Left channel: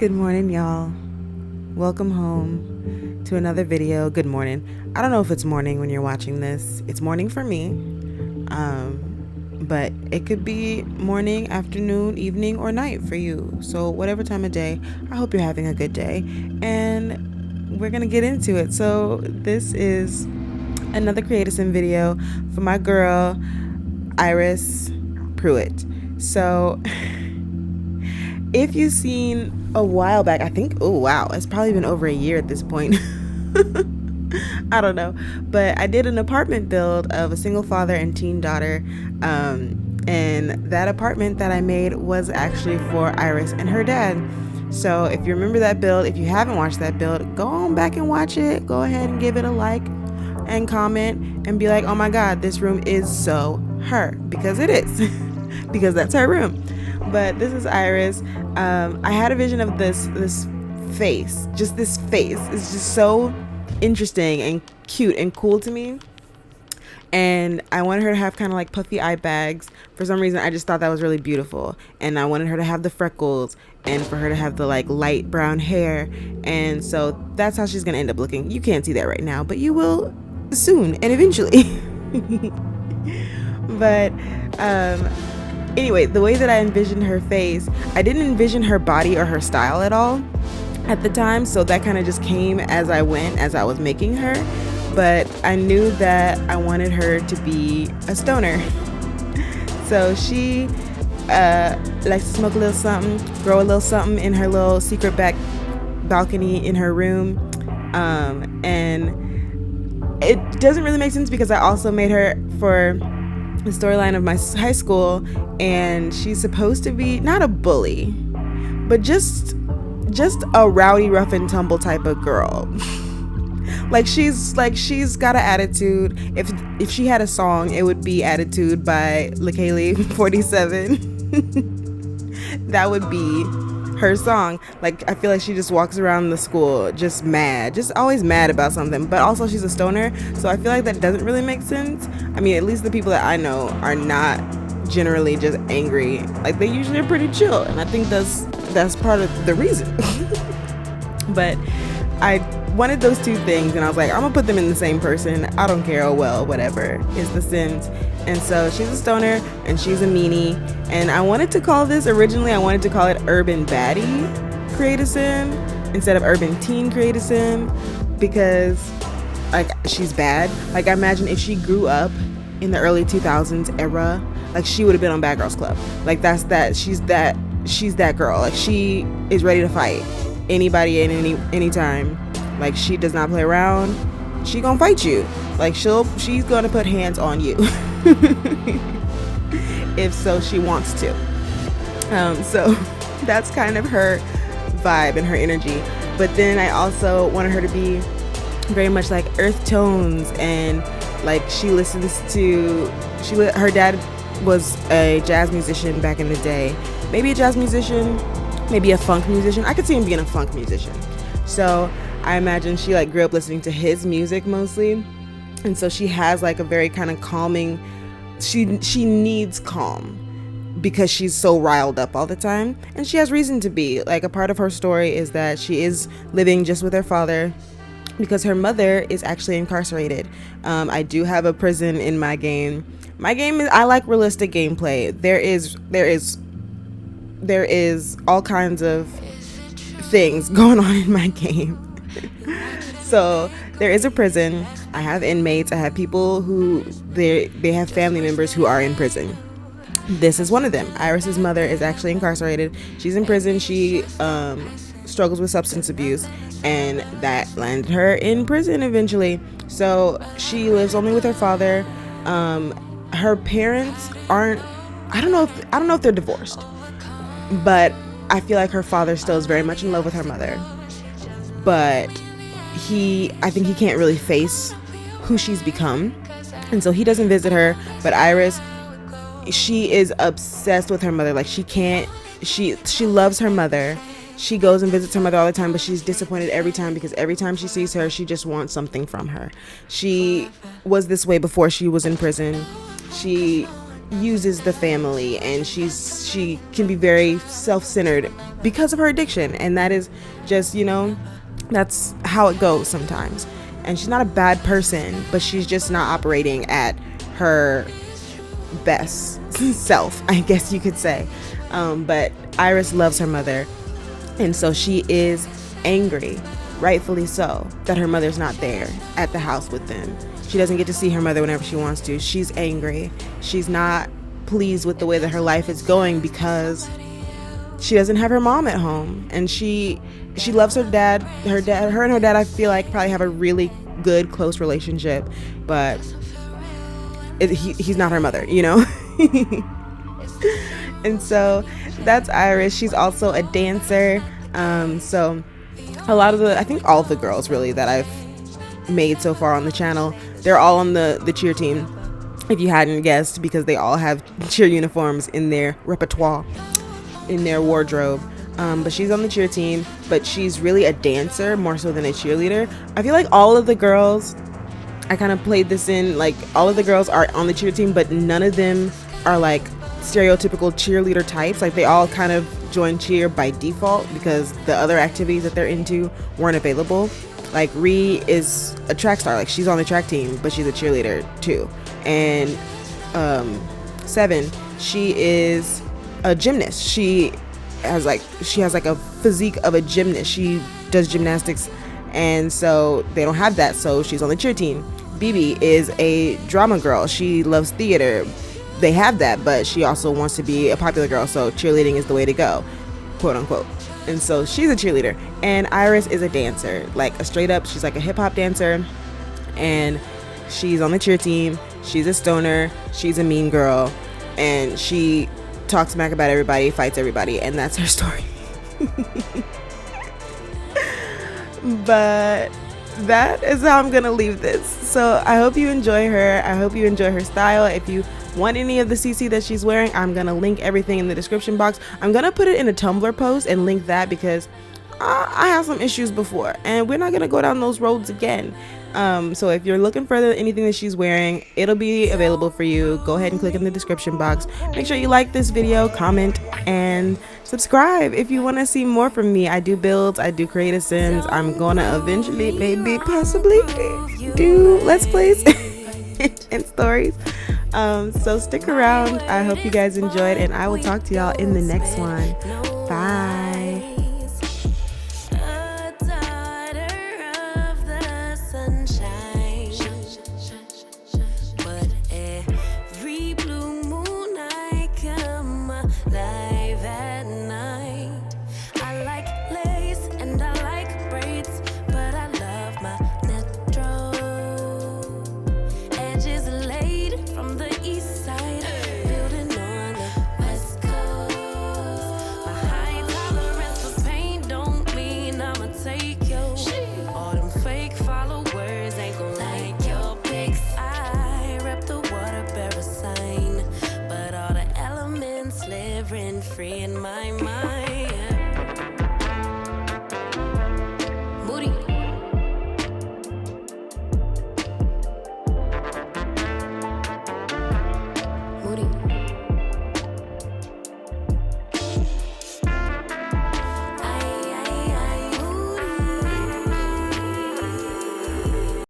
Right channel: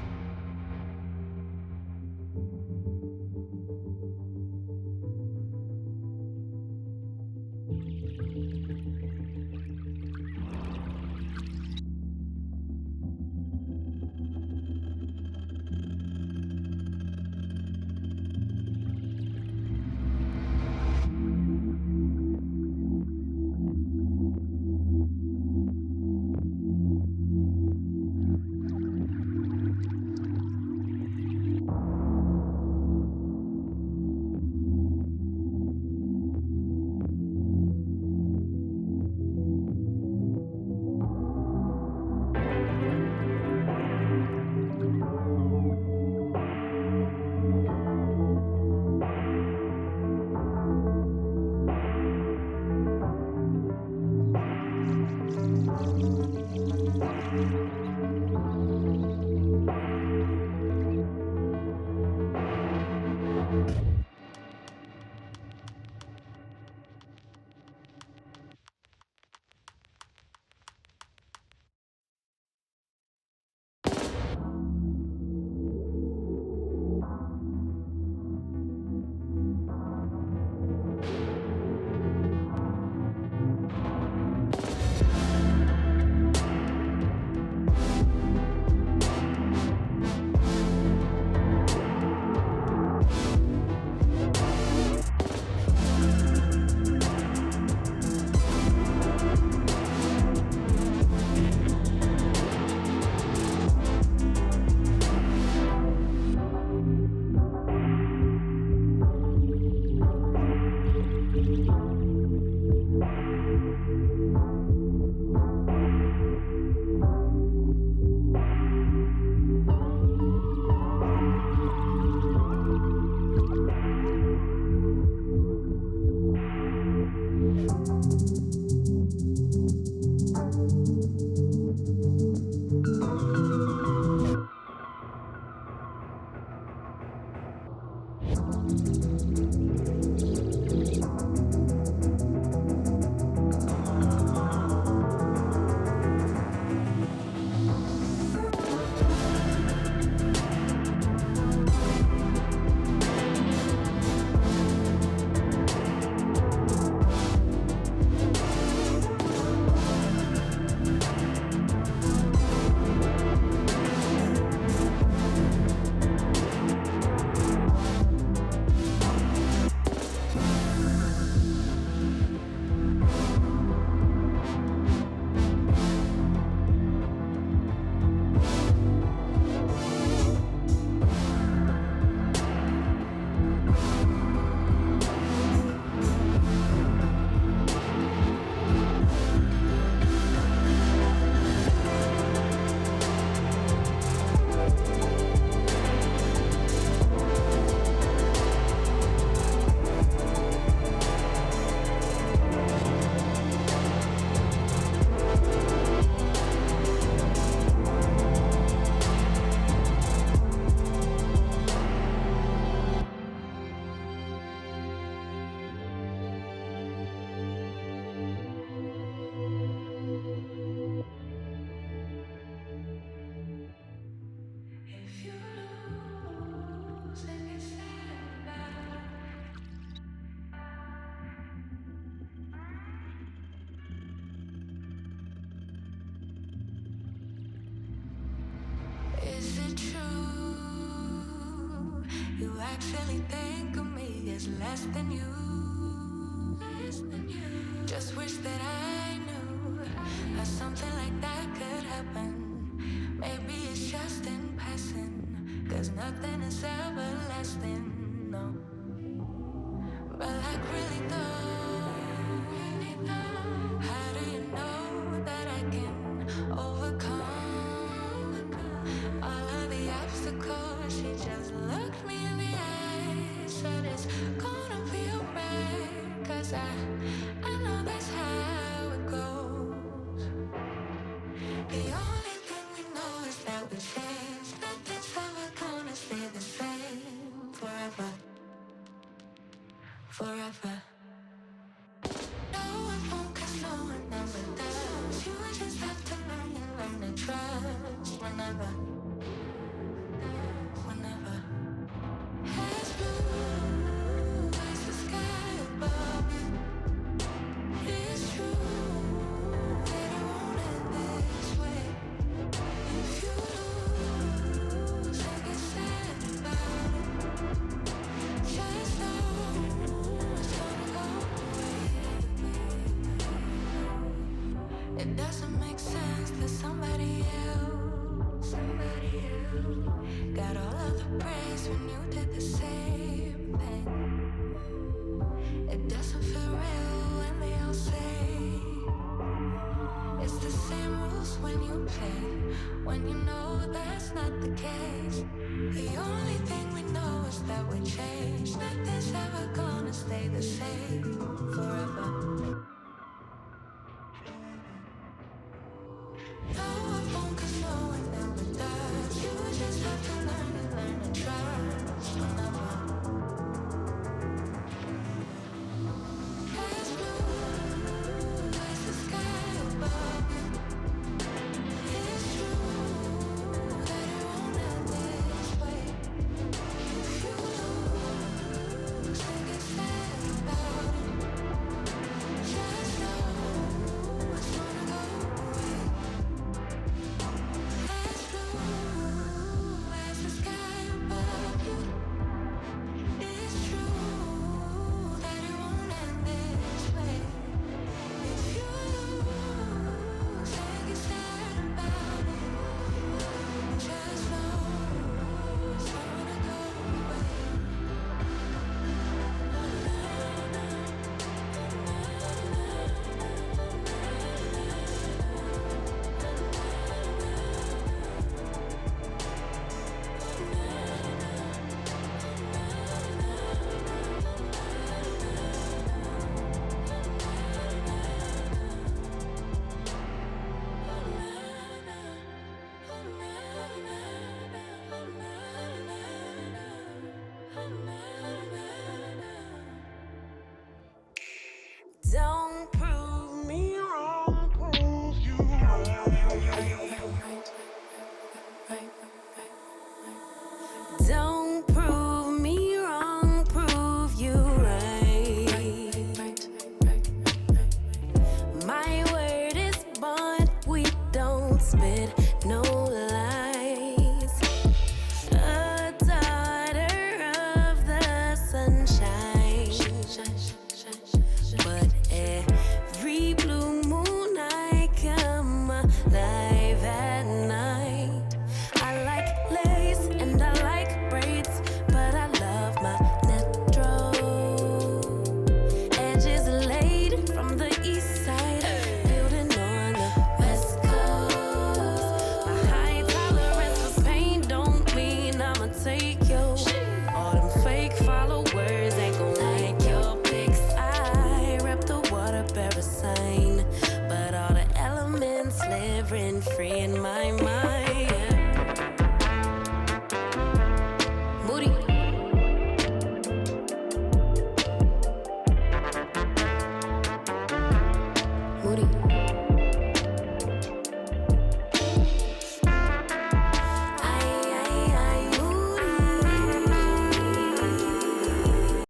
Good morning, y'all. Welcome home to another video. Good morning. I don't know if it's morning when you're watching this. It's morning for me. But it could be morning, afternoon, evening, or night for you. So whatever time of day, I hope you're having a good day. And we're going to get into it. So this is another 𝓗𝓸𝓶 video for my girl, 𝓨𝓪'𝓵𝓵. So if you've seen a while back, I think, oh wow, it's probably been over a year at this point. I don't know, but I did an apartment build of a single father and teen daughter, and that apartment that I made was actually for Iris and her dad. So if you remember that build, if you haven't watched that build, go on back and watch it. Go ahead and give it a like and comment and be like, oh my god, this room is so her, because it is. Because that's her room. But this is Iris. I had a vision of this face. Just this face. It's just so interesting and cute and cool to me. And I wanted her to have kind of like puffy eye bags. For some reason, I just thought that was really beautiful. And I wanted her to have the freckles and for her to have the like light brown hair. And so that's how she's going to end up looking. You can't see that right now, but you will soon and eventually. But anyway, the way that I envisioned her face, I didn't envision her body or her style at all at the time, so that kind of just came as I went, as I was making her. But I knew that I wanted her to be a stoner. So she likes to smoke a little something, grow a little something in her little secret back balcony in her room. And it doesn't really make sense because I also made her for the storyline of my high school, and she's supposed to be not a bully, but just a rowdy, rough and tumble type of girl. she's got an attitude. If she had a song, it would be Attitude by 𝓗𝓸𝓶𝓮. That would be her song. Like, I feel like she just walks around the school just mad, just always mad about something. But also she's a stoner, so I feel like that doesn't really make sense. I mean, at least the people that I know are not generally just angry. Like, they usually are pretty chill, and I think that's part of the reason. But I wanted those two things, and I was like, I'm gonna put them in the same person. I don't care, oh well, whatever. It's The Sims. And so she's a stoner and she's a meanie, and I wanted to call this, originally I wanted to call it Urban Baddie 𝓗𝓸𝓶 instead of Urban Teen 𝓗𝓸𝓶, because like, she's bad. Like, I imagine if she grew up in the early 2000s era, like, she would have been on Bad Girls Club. Like, she's that girl. Like, she is ready to fight anybody at any time. Like, she does not play around. She gonna fight you. Like, she's gonna put hands on you. If so she wants to. So that's kind of her vibe and her energy. But then I also wanted her to be very much like earth tones, and like her dad was a jazz musician back in the day. Maybe a jazz musician, maybe a funk musician. I could see him being a funk musician. So I imagine she like grew up listening to his music mostly, and so she has like a very kind of calming, she needs calm because she's so riled up all the time, and she has reason to be. Like, a part of her story is that she is living just with her father because her mother is actually incarcerated. I do have a prison in my game. My game is, I like realistic gameplay. There is all kinds of things going on in my game. So there is a prison. I have inmates. I have people who they have family members who are in prison. This is one of them. Iris's mother is actually incarcerated. She's in prison. She struggles with substance abuse, and that landed her in prison eventually. So she lives only with her father. Her parents aren't, I don't know if they're divorced, but I feel like her father still is very much in love with her mother. But I think he can't really face who she's become, and so he doesn't visit her. But Iris, she is obsessed with her mother. Like, she loves her mother. She goes and visits her mother all the time, but she's disappointed every time because every time she sees her, she just wants something from her. She was this way before she was in prison. She uses the family, and she can be very self-centered because of her addiction. And that is just, that's how it goes sometimes. And she's not a bad person, but she's just not operating at her best self, I guess you could say. But Iris loves her mother, and so she is angry, rightfully so, that her mother's not there at the house with them. She doesn't get to see her mother whenever she wants to. She's angry. She's not pleased with the way that her life is going because she doesn't have her mom at home, and she loves her dad. Her and her dad, I feel like, probably have a really good, close relationship, but he's not her mother, And so that's Iris. She's also a dancer. So I think all of the girls really that I've made so far on the channel, they're all on the cheer team, if you hadn't guessed, because they all have cheer uniforms in their repertoire, in their wardrobe. But she's on the cheer team, but she's really a dancer more so than a cheerleader. I feel like all of the girls, I kind of played this in, like, all of the girls are on the cheer team, but none of them are like stereotypical cheerleader types. Like, they all kind of join cheer by default because the other activities that they're into weren't available. Like, Ree is a track star, like she's on the track team, but she's a cheerleader too. And 7, she is a gymnast. She has like a physique of a gymnast. She does gymnastics, and so they don't have that, so she's on the cheer team. BB is a drama girl. She loves theater. They have that, but she also wants to be a popular girl, so cheerleading is the way to go, quote unquote. And so she's a cheerleader. And Iris is a dancer, like a straight up, she's like a hip hop dancer, and she's on the cheer team. She's a stoner. She's a mean girl, and she talks smack about everybody, fights everybody, and that's her story. But that is how I'm gonna leave this. So I hope you enjoy her. I hope you enjoy her style. If you want any of the CC that she's wearing, I'm gonna link everything in the description box. I'm gonna put it in a Tumblr post and link that because I have some issues before, and we're not gonna go down those roads again. So if you're looking for anything that she's wearing, it'll be available for you. Go ahead and click in the description box. Make sure you like this video, comment, and subscribe if you want to see more from me. I do builds, I do creative sims. I'm gonna eventually, maybe, possibly do Let's Plays and stories. So stick around. I hope you guys enjoyed, and I will talk to y'all in the next one. Bye. Free in my mind.